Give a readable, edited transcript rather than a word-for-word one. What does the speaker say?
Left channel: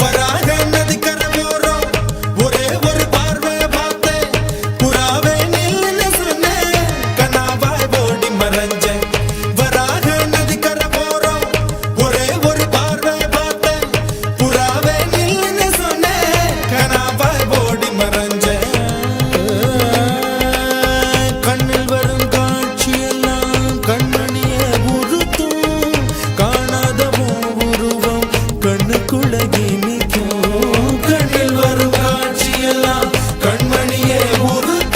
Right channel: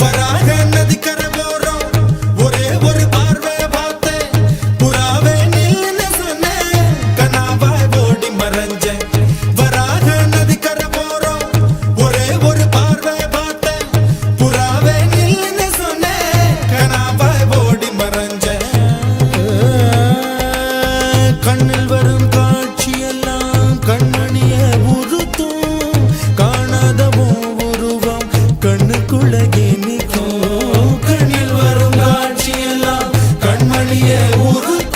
வராக நதிக்கரை போறோம் ஒரே ஒரு பார்வை பார்த்தேன் புறாவே நில்லுன்னு சொன்னேன் கனாவாய் ஓடி மறைஞ்சேன் வராக நதிக்கரை போறோம் ஒரே ஒரு பார்வை பார்த்தேன் புறாவே நில்லுன்னு சொன்னேன் கனாவாய் ஓடி மறைஞ்சேன் கண்ணில் வரும் காட்சியெல்லாம் கண்மணிய உறுத்தும் காணாதவோ உருவம் கண்ணுக்குள்ள நிற்கும் கண்ணில் வரும் காட்சியெல்லாம் கண்மணிய உறுத்தும்